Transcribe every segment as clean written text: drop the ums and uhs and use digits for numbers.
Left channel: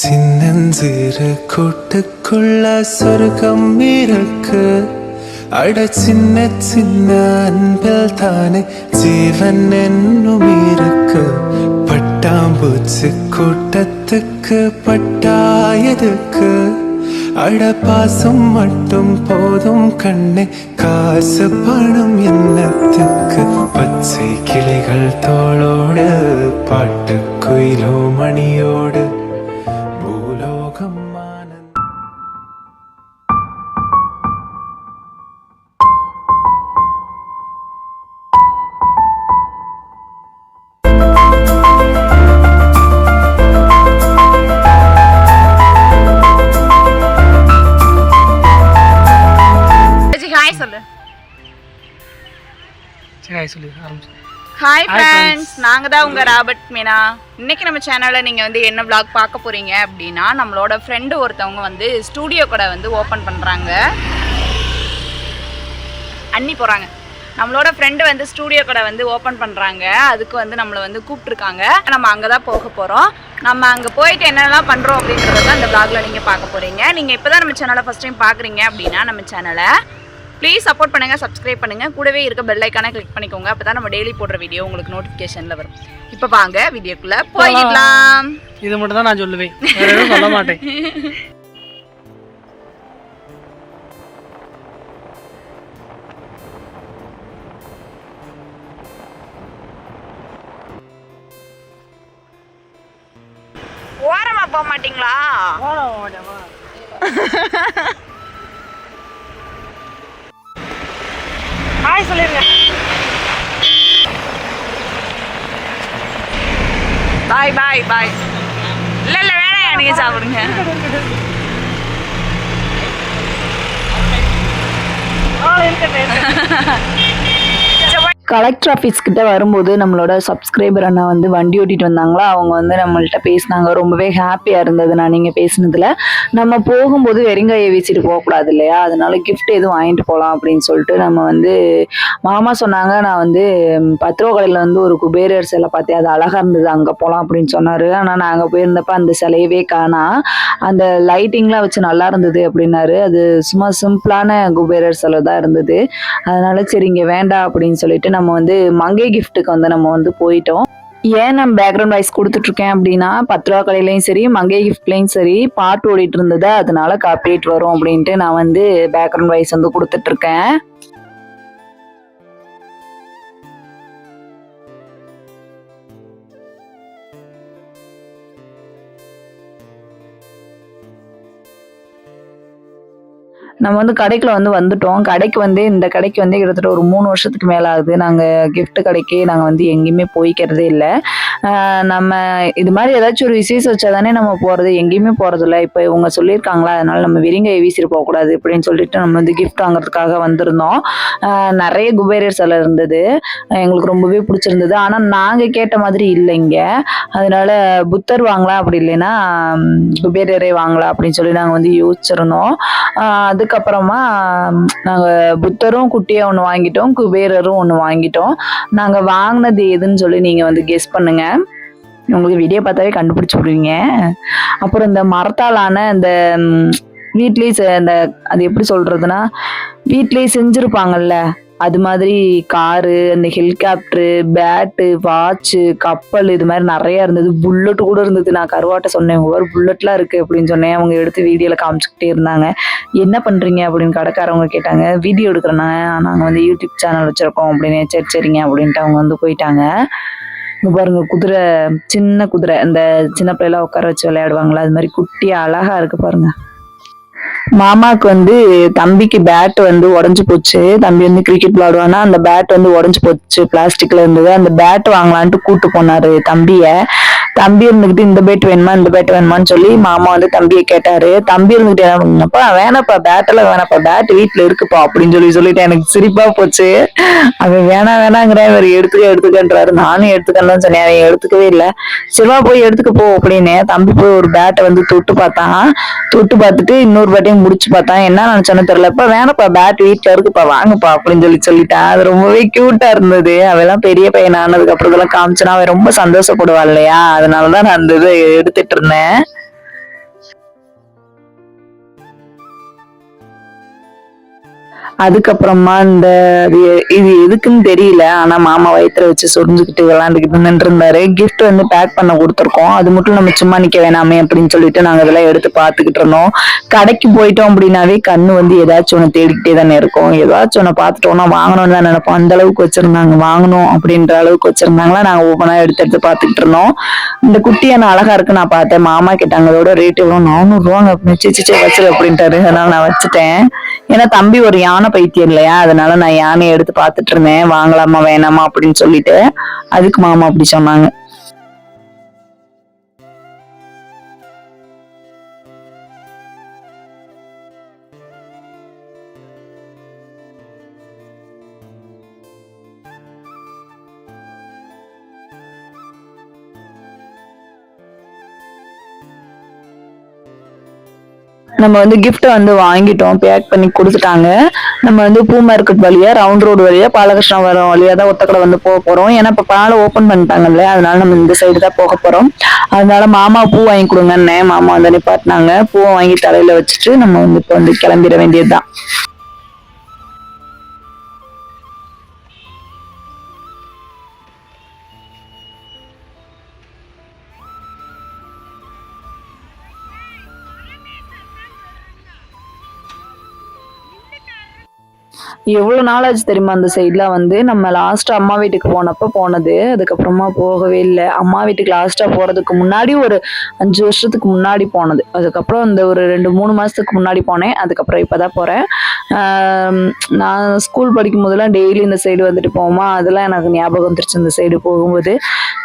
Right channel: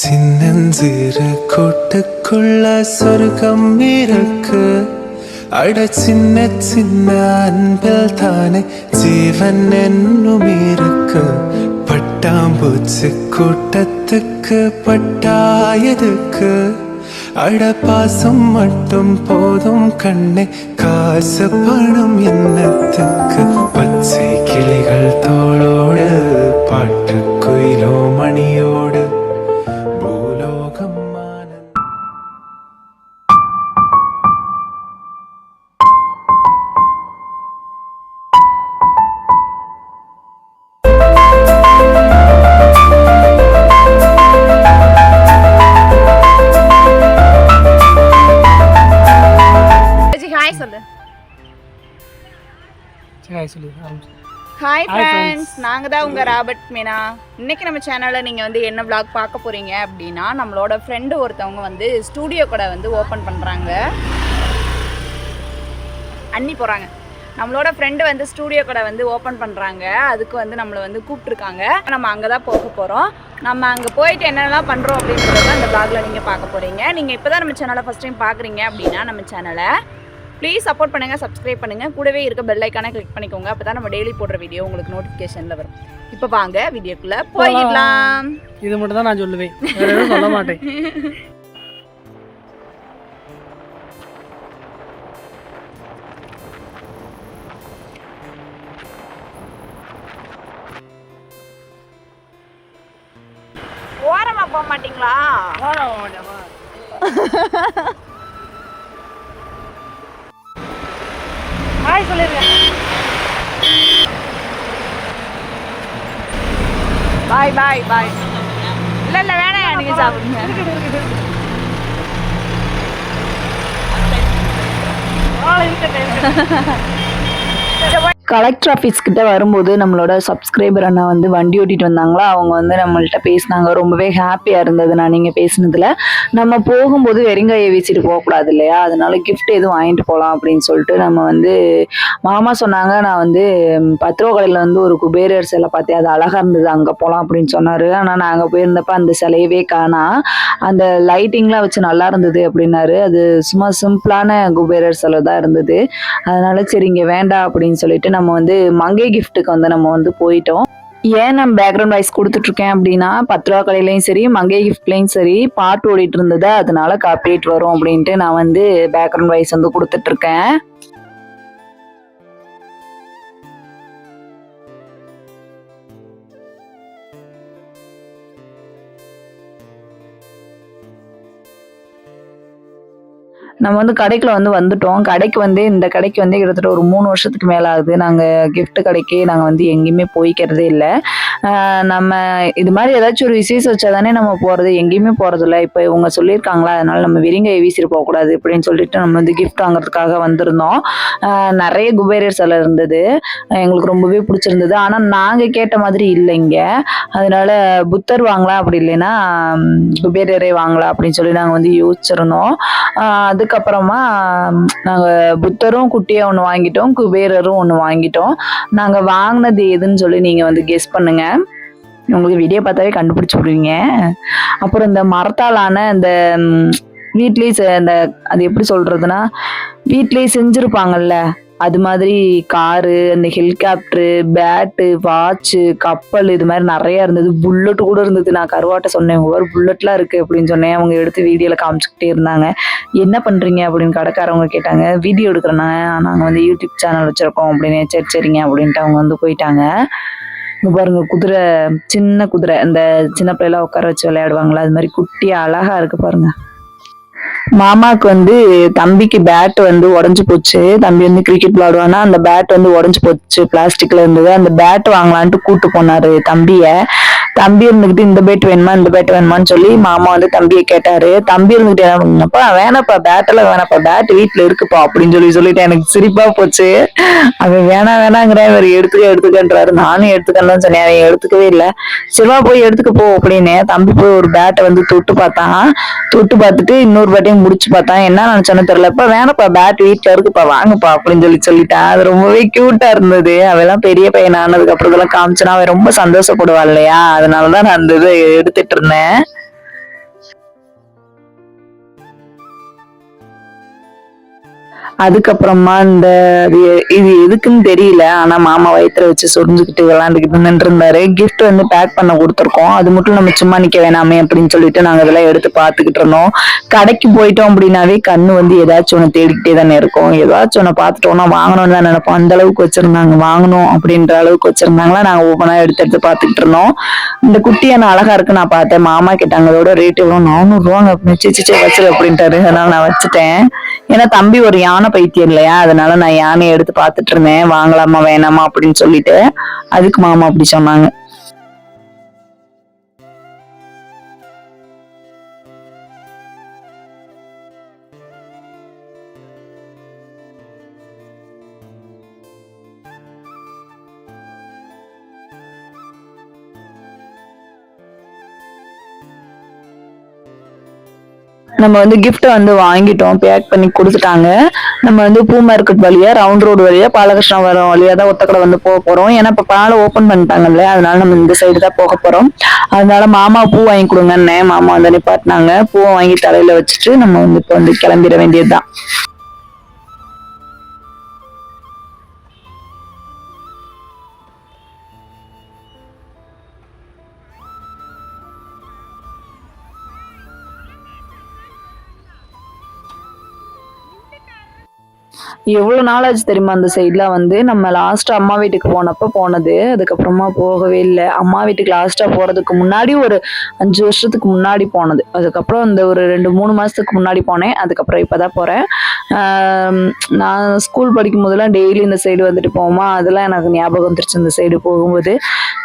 சின்னஞ்சிறு கூட்டுக்குள்ள சொர்க்கம் இருக்கு. அட சின்ன சின்ன அன்பில் தானே ஜீவன் என்னும் இருக்கு. பட்டாம்பூச்சி கூட்டத்துக்கு பட்டாயதுக்கு. அட பாசம் மட்டும் போதும் கண்ணே, காசு பணம் என்னத்துக்கு. பச்சை கிளிகள் தோளோடு பாட்டு குயிலோ மணியோடு பூலோகம் ஹாய் ஃப்ரெண்ட்ஸ், நாங்கள் தான் உங்கள் ராபர்ட் மீனா. இன்றைக்கி நம்ம சேனலில் நீங்கள் வந்து என்ன vlog பார்க்க போகிறீங்க அப்படின்னா, நம்மளோட ஃப்ரெண்டு ஒருத்தவங்க வந்து ஸ்டூடியோ கடை வந்து ஓப்பன் பண்ணுறாங்க. அண்ணி போகிறாங்க. நம்மளோட ஃப்ரெண்டு வந்து ஸ்டூடியோ கடை வந்து ஓப்பன் பண்ணுறாங்க. அதுக்கு வந்து நம்மளை வந்து கூப்பிட்ருக்காங்க. நம்ம அங்கே தான் போக போகிறோம். நம்ம அங்கே போயிட்டு என்னென்னலாம் பண்ணுறோம் அப்படின்றத தான் இந்த vlogல நீங்கள் பார்க்க போகிறீங்க. நீங்கள் இப்போ தான் நம்ம சேனலை ஃபஸ்ட் டைம் பார்க்குறீங்க அப்படின்னா நம்ம சேனலை ப்ளீஸ் சப்போர்ட் பண்ணுங்கள், சப்ஸ்கிரைப் பண்ணுங்கள், கூடவே இருக்க பெல் ஐக்கானை கிளிக் பண்ணிக்கோங்க. அப்போ தான் நம்ம டெய்லி போடுற வீடியோ உங்களுக்கு நோட்டிஃபிகேஷனில் வரும். இப்போ வாங்க வீடியோக்குள்ளே போயிடலாம். இது மட்டும் தான் நான் சொல்லுவேன், வேற எதுவும் சொல்ல மாட்டேன். ஓரமா போக மாட்டீங்களா? பாய் பாய் பாய். இல்லை இல்லை வேணாம், எனக்கு சாப்பிடுங்க. கலெக்டர் ஆஃபீஸ் கிட்ட வரும்போது நம்மளோட சப்ஸ்கிரைபர் அண்ணா வந்து வண்டி ஓட்டிட்டு வந்தாங்களா. அவங்க வந்து நம்மள்ட்ட பேசினாங்க. ரொம்பவே ஹாப்பியாக இருந்தது நான் நீங்கள் பேசினதில். நம்ம போகும்போது வெறுங்கையை வீசிட்டு போகக்கூடாது இல்லையா, அதனால கிஃப்ட் எதுவும் வாங்கிட்டு போகலாம் அப்படின்னு சொல்லிட்டு நம்ம வந்து மாமா சொன்னாங்க. நான் வந்து 10 ரூபா கடையில் வந்து ஒரு குபேரர் சிலை பார்த்தேன், அது அழகாக இருந்தது, அங்கே போகலாம் அப்படின்னு சொன்னார். ஆனால் நாங்கள் போயிருந்தப்ப அந்த சிலையவே காணா. அந்த லைட்டிங்லாம் வச்சு நல்லா இருந்தது அப்படின்னாரு. அது சும்மா சிம்பிளான குபேரர் சிலை தான் இருந்தது. அதனால சரி இங்கே வேண்டாம் அப்படின்னு சொல்லிட்டு நம்ம வந்து மங்கை கிஃப்ட்டுக்கு வந்து நம்ம வந்து போயிட்டோம். ஏன் நான் பேக்ரவுண்ட் வாய்ஸ் கொடுத்துட்ருக்கேன் அப்படின்னா, 10 ரூபா கடையிலையும் சரி மங்கை கிஃப்ட்லையும் சரி பாட்டு ஓடிட்டு இருந்தது, அதனால காப்பிரைட் வரும் அப்படின்ட்டு நான் வந்து பேக்ரவுண்ட் வாய்ஸ் வந்து கொடுத்துட்ருக்கேன். நம்ம வந்து கடைக்குள்ள வந்து வந்துட்டோம். கடைக்கு வந்து இந்த கடைக்கு வந்து கிட்டத்தட்ட ஒரு 3 வருஷத்துக்கு மேலே ஆகுது. நாங்கள் கிஃப்ட் கடைக்கு நாங்கள் வந்து எங்கேயுமே போய்க்கிறதே இல்லை. நம்ம இது மாதிரி ஏதாச்சும் ஒரு விசேஷம் வச்சா தானே நம்ம போகிறது, எங்கேயுமே போகிறதில்ல. இப்போ இவங்க சொல்லியிருக்காங்களா, அதனால நம்ம வெறுங்கையை வீசிட்டு போகக்கூடாது அப்படின்னு சொல்லிட்டு நம்ம வந்து கிஃப்ட் வாங்குறதுக்காக வந்திருந்தோம். நிறைய குபேரர் சிலை இருந்தது, எங்களுக்கு ரொம்பவே பிடிச்சிருந்தது. ஆனால் நாங்கள் கேட்ட மாதிரி இல்லைங்க. அதனால புத்தர் வாங்கலாம், அப்படி இல்லைன்னா குபேரரே வாங்கலாம் அப்படின்னு சொல்லி நாங்கள் வந்து யோசிச்சிருந்தோம். அதுக்கப்புறமா நாங்கள் புத்தரும் குட்டியாக ஒன்று வாங்கிட்டோம், குபேரரும் ஒன்று வாங்கிட்டோம். நாங்கள் வாங்கினது எதுன்னு சொல்லி நீங்கள் வந்து கெஸ் பண்ணுங்க, உங்களுக்கு வீடியோ பார்த்தாவே கண்டுபிடிச்சி விடுவீங்க. அப்புறம் இந்த மரத்தாலான இந்த வீட்லேயே இந்த அது எப்படி சொல்கிறதுனா, வீட்லேயே செஞ்சுருப்பாங்கல்ல அது மாதிரி காரு, அந்த ஹெலிகாப்டரு, பேட்டு, வாட்சு, கப்பல், இது மாதிரி நிறையா இருந்தது. புல்லட்டு கூட இருந்தது. நான் கருவாட்டை சொன்னேன், ஒவ்வொரு புல்லட்லாம் இருக்குது அப்படின்னு சொன்னேன். அவங்க எடுத்து வீடியோவில் காமிச்சிக்கிட்டே இருந்தாங்க. என்ன பண்ணுறீங்க அப்படின்னு கடைக்காரவங்க கேட்டாங்க. வீடியோ எடுக்கிறேன்னா, நாங்கள் வந்து யூடியூப் சேனல் வச்சுருக்கோம் அப்படின்னு. சரி சரிங்க அப்படின்ட்டு அவங்க வந்து போயிட்டாங்க. இங்கே பாருங்க, குதிரை, சின்ன குதிரை, இந்த சின்ன பிள்ளைலாம் உட்கார வச்சு விளையாடுவாங்களா, அது மாதிரி குட்டியாக அழகாக இருக்குது பாருங்க. மாமாவுக்கு வந்து தம்பிக்கு பேட் வந்து உடஞ்சு போச்சு. தம்பி வந்து கிரிக்கெட் விளையாடுவானா, அந்த பேட் வந்து உடஞ்சு போச்சு, பிளாஸ்டிக்ல இருந்தது. அந்த பேட் வாங்கலான்ட்டு கூட்டு போனாரு தம்பிய. தம்பி இருந்துகிட்டு இந்த பேட் வேணுமா இந்த பேட் வேணுமான்னு சொல்லி மாமா வந்து தம்பியை கேட்டாரு. தம்பி இருந்துகிட்டு என்ன பண்ணப்பா, வேணாப்பா பேட்டெல்லாம் வேணாப்பா, பேட் வீட்டுல இருக்குப்பா அப்படின்னு சொல்லிட்டு எனக்கு சிரிப்பா போச்சு. அவன் வேணாங்கிற இவர் எடுத்துக்கன்றாரு. நானும் எடுத்துக்கன்னு சொன்னேன், அவன் எடுத்துக்கவே இல்லை. சிவா போய் எடுத்துக்க போ அப்படின்னு தம்பி போய் ஒரு பேட்டை வந்து தொட்டு பார்த்தான். தொட்டு பார்த்துட்டு இன்னொரு பேட்டையும் முடிச்சு பார்த்தான். என்ன நினைச்சானு தெரியல. இப்ப வேணப்பா பேட் வீட்டுல இருக்குப்பா, வாங்கப்பா அப்படின்னு சொல்லிட்டான். அது ரொம்பவே கியூட்டா இருந்தது. அவெல்லாம் பெரிய பையன் ஆனதுக்கு அப்புறம் இதெல்லாம் காமிச்சனா அவன் ரொம்ப சந்தோஷப்படுவா இல்லையா, அதனாலதான் நான் அந்த இதை எடுத்துட்டு இருந்தேன். அதுக்கப்புறமா இது எதுக்குன்னு தெரியல, ஆனா மாமா வயித்துல வச்சு சொரிஞ்சுக்கிட்டு விளையாண்டுக்கிட்டு நின்றுருந்தாரு. கிஃப்ட் வந்து பேக் பண்ண கொடுத்துருக்கோம். அது மட்டும் நம்ம சும்மா நிக்க வேணாமே அப்படின்னு சொல்லிட்டு நாங்க இதெல்லாம் எடுத்து பாத்துக்கிட்டு இருந்தோம். கடைக்கு போயிட்டோம் அப்படின்னாவே கண்ணு வந்து ஏதாச்சும் ஒண்ணு தேடிக்கிட்டே தானே இருக்கும். ஏதாச்சும் ஒண்ணு பாத்துட்டோம்னா வாங்கணும்னு தான் நினைப்போம். அந்த அளவுக்கு வச்சிருந்தாங்க, வாங்கணும் அப்படின்ற அளவுக்கு வச்சிருந்தாங்களா. நாங்க ஒவ்வொன்றா எடுத்து பாத்துக்கிட்டு இருந்தோம். இந்த குட்டியான அழகா இருக்கு நான் பார்த்தேன். மாமா கேட்டாங்க அதோட ரேட் எவ்வளவு, 400 ரூபாங்க அப்படின்னு. வச்சிரு அப்படின்ட்டாரு. அதனால நான் வச்சுட்டேன். ஏன்னா தம்பி ஒரு யானை பைத்தியம் இல்லையா, அதனால நான் யானையை எடுத்து பாத்துட்டு இருந்தேன், வாங்கலாமா வேணாமா அப்படின்னு சொல்லிட்டு. அதுக்கு மாமா அப்படி சொன்னாங்க. நம்ம வந்து கிஃப்ட் வந்து வாங்கிட்டோம், பேக் பண்ணி கொடுத்துட்டாங்க. நம்ம வந்து பூ மார்க்கெட் வழியா, ரவுண்ட் ரோடு வழியா, பாலகிருஷ்ணாவரம் வழியா தான் ஒத்தக்கடை வந்து போக போறோம். ஏன்னா இப்ப பாலை ஓபன் பண்ணிட்டாங்க இல்லையா, அதனால நம்ம இந்த சைடு தான் போக போறோம். அதனால மாமா பூ வாங்கி கொடுங்கன்னு மாமா வந்து நிப்பாட்டினாங்க. பூவை வாங்கி தலையில வச்சுட்டு நம்ம வந்து இப்ப வந்து கிளம்பிட வேண்டியதுதான். எவ்வளவு நாள் ஆச்சு தெரியுமா அந்த சைட்ல வந்து. நம்ம லாஸ்ட் அம்மா வீட்டுக்கு போனப்ப போனது, அதுக்கப்புறமா போகவே இல்லை. அம்மா வீட்டுக்கு லாஸ்டா போறதுக்கு முன்னாடி ஒரு 5 வருஷத்துக்கு முன்னாடி போனது. அதுக்கப்புறம் இந்த ஒரு 2-3 மாசத்துக்கு முன்னாடி போனேன். அதுக்கப்புறம் இப்பதான் போறேன். நான் ஸ்கூல் படிக்கும் போதெல்லாம் டெய்லி இந்த சைடு வந்துட்டு போவோமா, அதெல்லாம் எனக்கு ஞாபகம் வந்துருச்சு. இந்த சைடு போகும்போது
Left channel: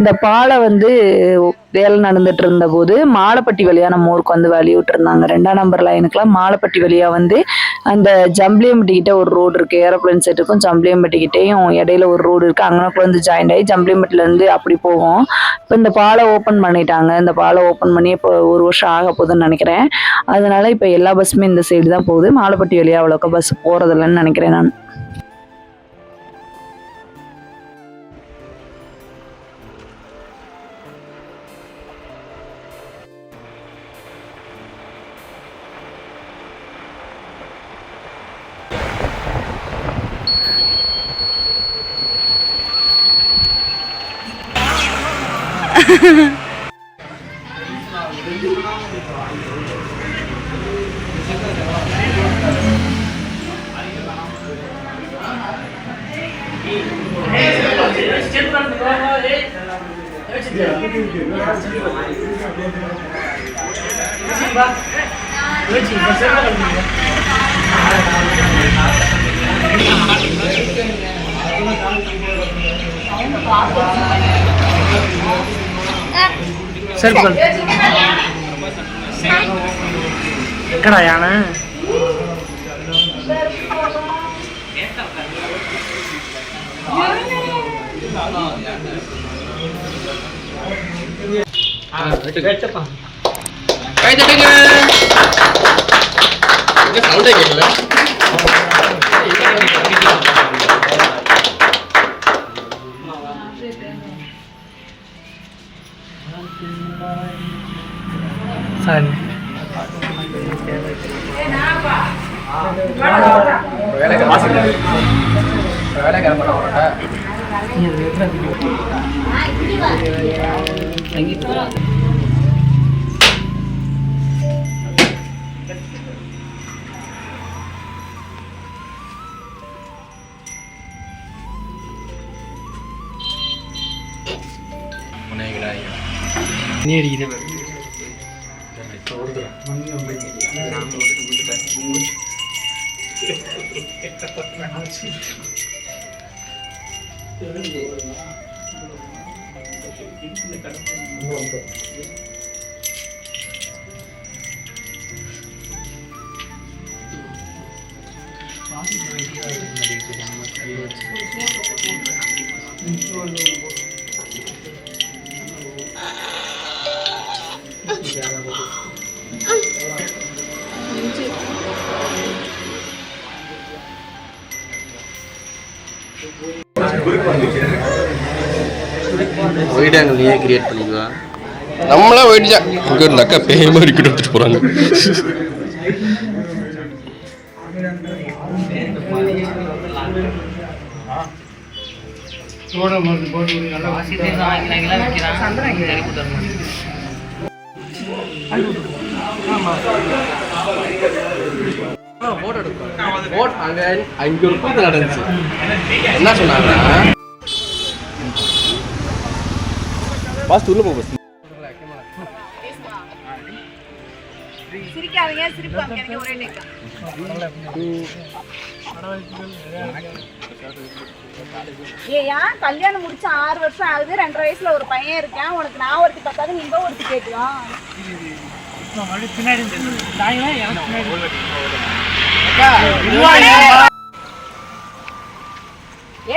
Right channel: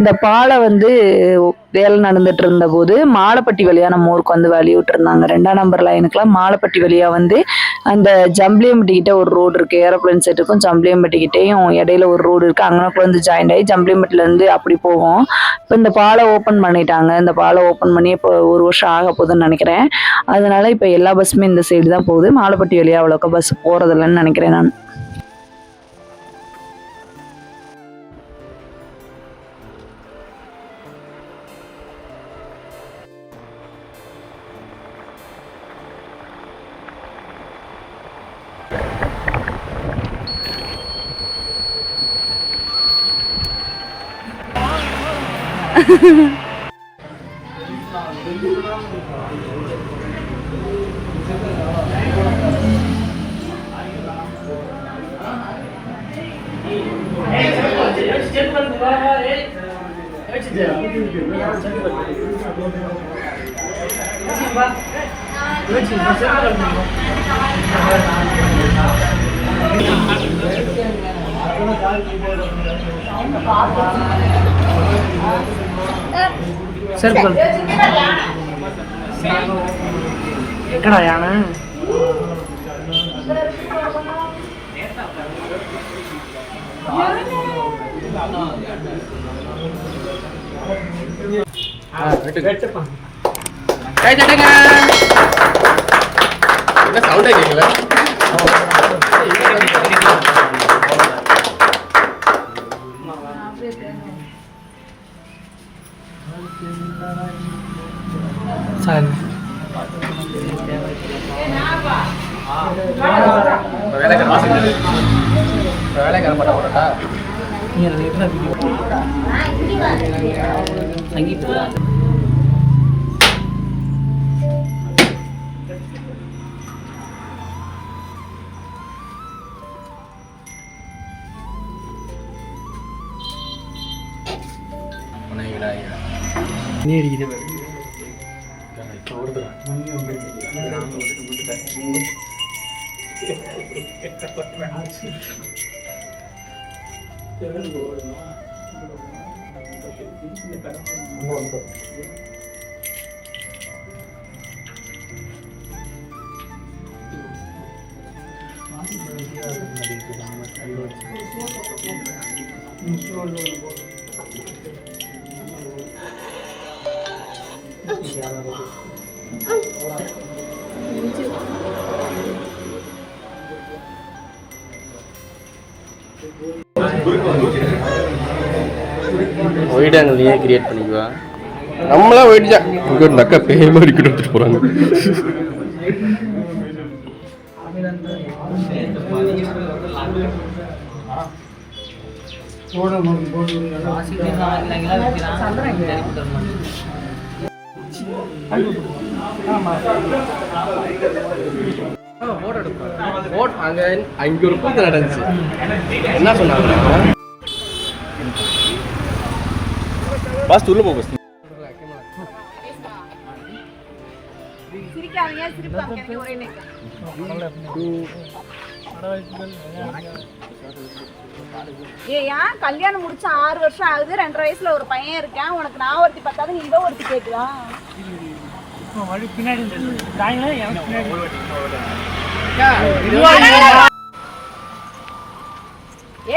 இந்த பாலை வந்து வேலை நடந்துட்டு இருந்த போது மாலைப்பட்டி வழியா நம்ம ஊருக்கு வந்து வழி விட்டு இருந்தாங்க. 2ஆம் நம்பர் லைனுக்குலாம் மாலைப்பட்டி வழியா வந்து அந்த ஜம்பிளியம்பட்டி கிட்ட ஒரு ரோடு இருக்கு, ஏரோப்ளைன் செட்டுக்கும் ஜம்பிளியம்பட்டி கிட்டையும் இடையில ஒரு ரோடு இருக்கு. அங்கனக்குள்ள வந்து ஜாயின் ஆகி ஜம்பிளியம்பட்டில இருந்து அப்படி போகும். இப்போ இந்த பாலை ஓப்பன் பண்ணிட்டாங்க. இந்த பாலை ஓப்பன் பண்ணி இப்போ 1 வருஷம் ஆக போகுதுன்னு நினைக்கிறேன். அதனால இப்போ எல்லா பஸ்ஸுமே இந்த சைடு தான் போகுது. மாலைப்பட்டி வழியா அவ்வளோக்கா பஸ் போறதில்லைன்னு நினைக்கிறேன் நான். செருப்பு எங்கடா யானை? சரி நீ அடிக்குது. ஒயிட் ஆங்கிலேயே கிரியேட் பண்ணிக்குவா. நம்மளா ஒயிட் தான் இங்கே ஒரு அக்கா பேய் மாதிரி எடுத்துட்டு போகிறாங்க. அங்க ஒரு கூத்து நடந்துச்சு. என்ன சொன்னாங்க? பாஸ் உள்ள போ பாஸ். சிரிக்காதீங்க, சிரிப்பு காமிக்காதீங்க, ஒரே டேக். ஏயா கல்யாணம் முடிச்சு 6 வருஷம் ஆகுது, 2.5 வயசுல ஒரு பையன் இருக்கான். உனக்கு நான் ஒருத்தி பார்த்தாது, நீங்க ஒருத்தி கேட்கலாம். பின்னாடி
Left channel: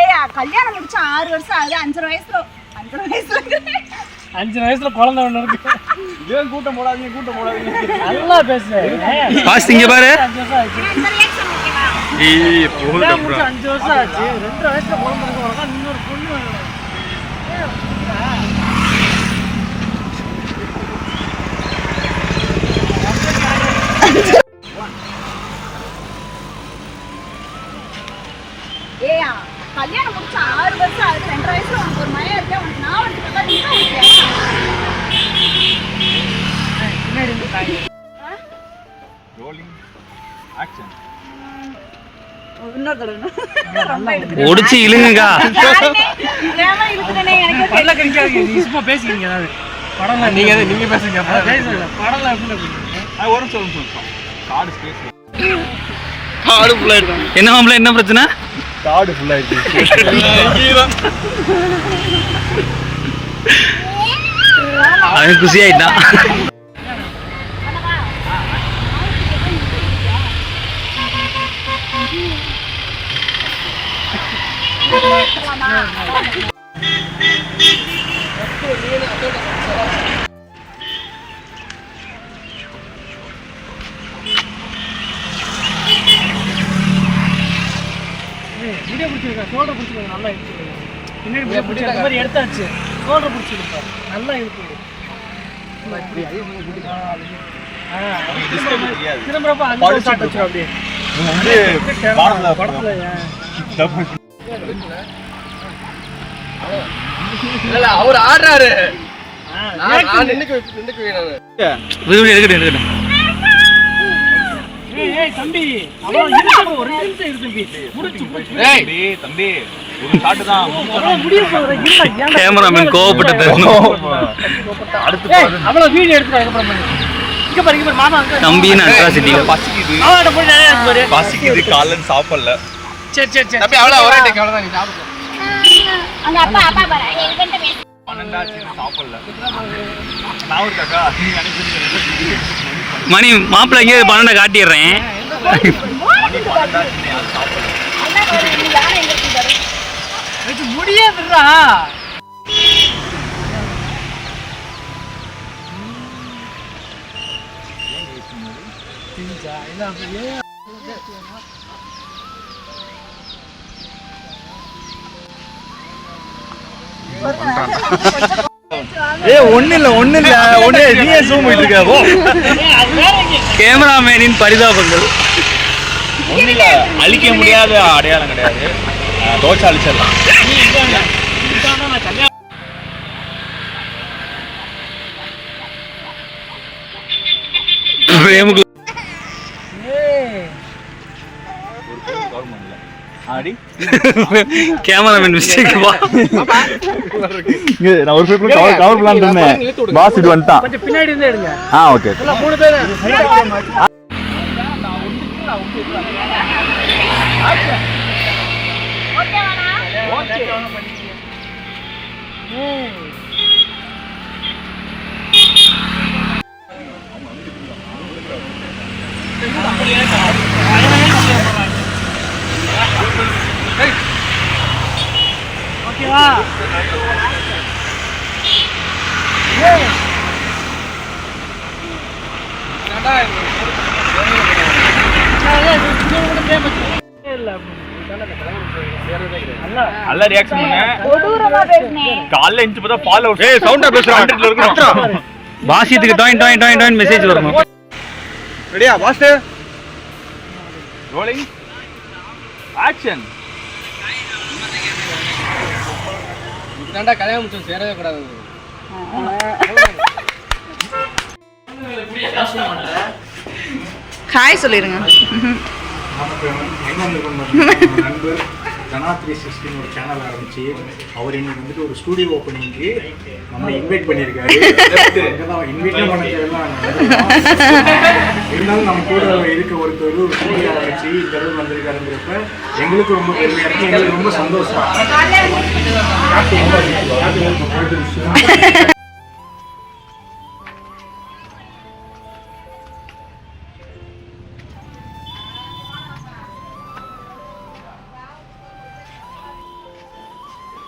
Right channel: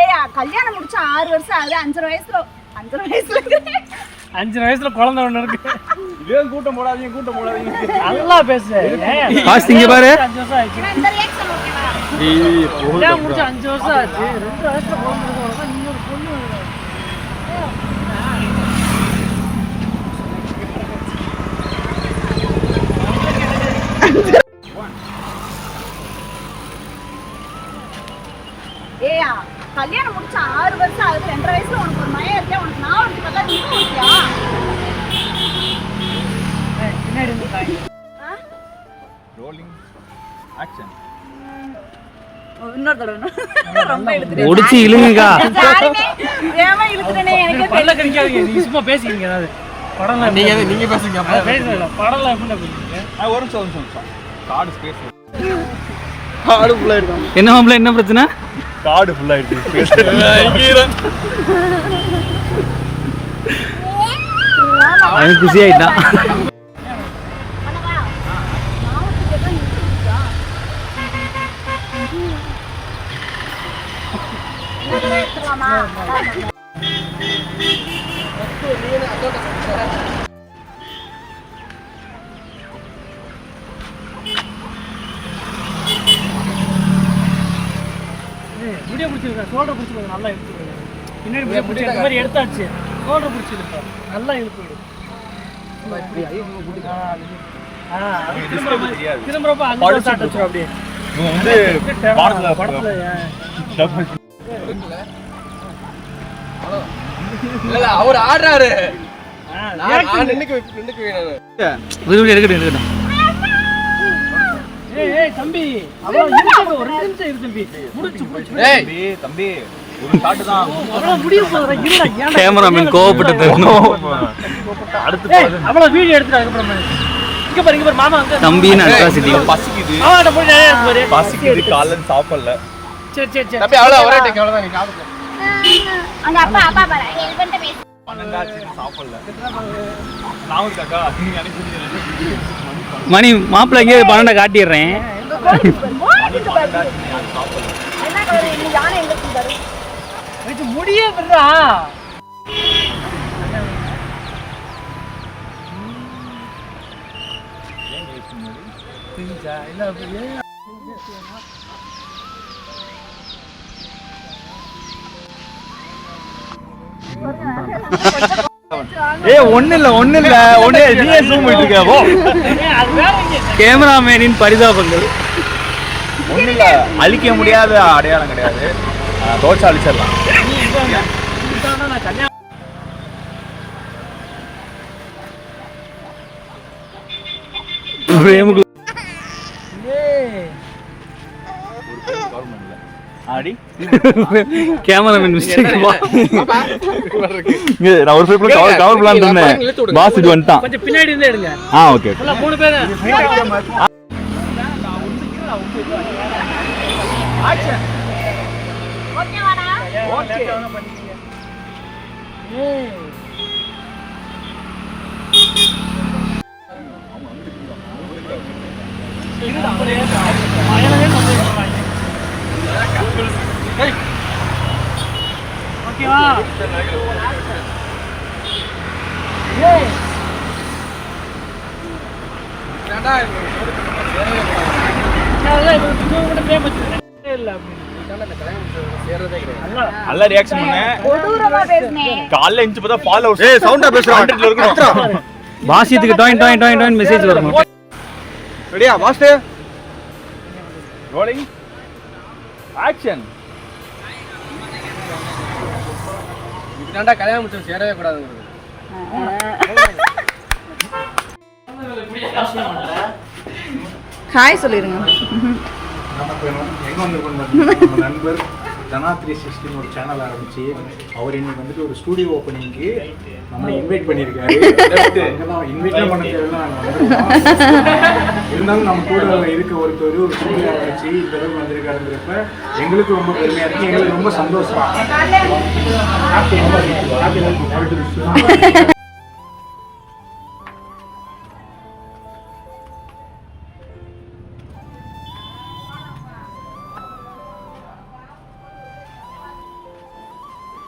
ஏயா கல்யாணம் முடிச்சு 6 வருஷம் ஆகுது, 5 வயசுல 5 வயசுல குழந்தை ஒண்ணு இருக்கு. ஏன் கூட்டம் போடாதீங்க நல்லா பேசுறேன். பாஸ் இங்க பாரு. 5 வருஷம் ஆச்சு. இந்த ரியாக்ஷன் ஓகேவா? ஏய் போடா ப்ரோ. 5 வருஷம் ஆச்சு. 2 வயசுல குழந்தை இருக்கா, இன்னொரு பொண்ணு. ஏயா கல்யாணம் முடிச்சு 6 வருஷம் ஆகுது, 2.5 வயசுல உனக்கு ஒரு மயம் இருக்கேன். உனக்கு நான் ஒருத்தி பார்த்தா நீங்க ஒருத்தியா? பின்னாடி இன்னொரு தடவை ரொம்ப எடுத்து ஒடிச்சு இழுங்கக்கா. ஏமா இழுத்துட்டேனே எனக்கே தெரியல. கிடைக்காதீங்க. நீ சும்மா பேசிக்கிறீங்க. ஏதாவது படம்ல நீங்க பேசுங்க. படம்ல எப்படி பேசுறீங்க? ஒரு சொல்லுங்க. Card space. கார்டு ஃபுல்லா இருக்கு. என்ன மாப்ள என்ன பிரச்சனை? கார்டு ஃபுல்லா இருக்கு. அவன் குசி ஆயிட்டான். முடிய பிடிச்சிருக்கா, ஷோல்டர் பிடிச்சி நல்லா இழுத்து விடுங்க. பின்னாடி முடிய பிடிச்சி அந்த மாதிரி எடுத்தாச்சு. ஷோல்டர் பிடிச்சி இழுப்பா, நல்லா இழுத்து விடு. திரும்புறப்ப அங்கே ஸ்டார்ட் வச்சிடும். அப்படியே படத்துல இல்ல அவர் ஆடுறாரு. தம்பி அவ்வளவு இருக்கு, ஒரு நிமிஷம் இருக்கு தம்பி. முடிச்சு தம்பி ஒரு ஷாட் தான். முடிய போறா. கேமராமேன் கோவப்பட்டு தரணும். அடுத்து அவ்வளவு வீடியோ எடுத்துட்டு அதுக்கப்புறம் இங்க பாரு மாமா தம்பின்னு அட்ராசிட்டிகள். பசிக்குது காலைல சாப்பிடல. சரி சரி சரி தம்பி அவ்வளவு ஒரே டேக் அவ்வளவுதான். நீ சாப்பிடு. அங்க அப்பா பாரு இவன்ட்ட பேசு. 12 சாப்பிடல. நான் ஒரு காக்கா நீங்க அனுப்பிடுங்க. மணி மாப்பிள்ளை இங்கே 12 காட்டிடுறேன். மணி 12 சாப்பிடல. அண்ணா நீ யாரை எங்க கூடாரு? இது முடியாதுடா. திஞ்சா இல்ல அப்படியே ஒண்ணு இல்ல நீயே ஜூம் பண்ணிட்டு இருக்க. போ. கேமராமேனின் பரிதாபங்கள். ஒண்ணு இல்ல, அழிக்க முடியாத அடையாளம் கிடையாது. தோச்சா அழிச்சிடலாம். Cameraman mistake. நான் ஒரு பேப்பர் கவர் பண்ணலாம்னு இருந்தேன். பாஸ் இது வந்துட்டான். கொஞ்சம் பின்னாடி இருந்தே எடுங்க. ஓகே. 3 பேர் ஓகேவா? நல்ல ரியாக்ஷன் காலைல இன்ச்சு பார்த்தா ஃபாலோவர்ஸ். ஏய் சவுண்டா பேசுறோம். 100ல இருக்கணும். பாசியத்துக்கு டாயின் டாயின் டாயின் டாயின் மெசேஜ் வரணும். ரெடியா மாஸ்டர்? Rolling action. இதாண்டா கல்யாணம் முடிச்சு சேரவே கூடாதுங்கிறது. ஹாய் சொல்லிருங்க. நண்பர் தனா 360 ஒரு சேனல் ஆரம்பிச்சு அவர் இன்னைக்கு வந்துட்டு ஒரு ஸ்டூடியோ ஓப்பனிங்க்கு நம்மளை இன்வைட் பண்ணியிருக்காரு. இன்வைட்லாம் பண்ண இருந்தாலும் நம்ம கூட இருக்க ஒருத்தர் ஒரு ஸ்டூடியோ ஆரம்பிச்சு இந்த அளவுக்கு வந்திருக்காருங்கிறப்ப எங்களுக்கு ரொம்ப பெருமையாக இருக்குது, எங்களுக்கு ரொம்ப சந்தோஷம்.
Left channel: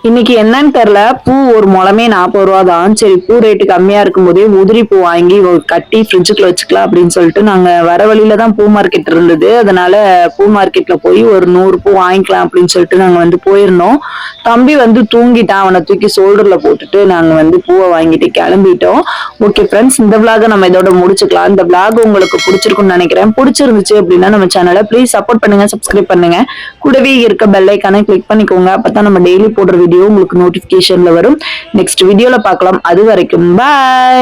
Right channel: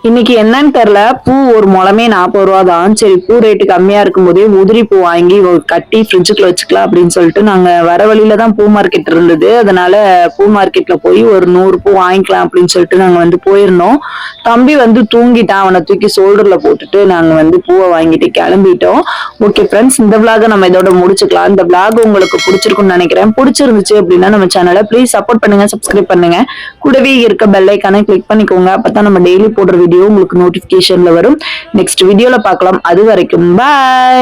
இன்னைக்கு என்னன்னு தெரியல, பூ ஒரு முழமே 40 ரூபா தான். சரி பூ ரேட்டு கம்மியா இருக்கும் போதே உதிரி பூ வாங்கி கட்டி ஃப்ரிட்ஜுக்குள்ள வச்சுக்கலாம் அப்படின்னு சொல்லிட்டு நாங்க வர வழியில தான் பூ மார்க்கெட் இருந்தது. அதனால பூ மார்க்கெட்ல போய் ஒரு 100 பூ வாங்கிக்கலாம் அப்படின்னு சொல்லிட்டு நாங்க வந்து போயிருந்தோம். தம்பி வந்து தூங்கிட்டான், அவனை தூக்கி ஷோல்டர்ல போட்டுட்டு நாங்க வந்து பூவை வாங்கிட்டு கிளம்பிட்டோம். ஓகே ஃப்ரெண்ட்ஸ், இந்த விளாக நம்ம இதோட முடிச்சுக்கலாம். இந்த விளாக் உங்களுக்கு பிடிச்சிருக்கும்னு நினைக்கிறேன். பிடிச்சிருந்துச்சு அப்படின்னா நம்ம சேனலை ப்ளீஸ் சப்போர்ட் பண்ணுங்க, சப்ஸ்கிரைப் பண்ணுங்க, கூடவே இருக்க பெல் ஐக்கானை கிளிக் பண்ணிக்கோங்க. அப்பதான் நம்ம டெய்லி போடுற வீடியோ உங்களுக்கு நோட்டிபிகேஷன்ல வரும். நெக்ஸ்ட் வீடியோல பார்க்கலாம். அது வரைக்கும் பாய்.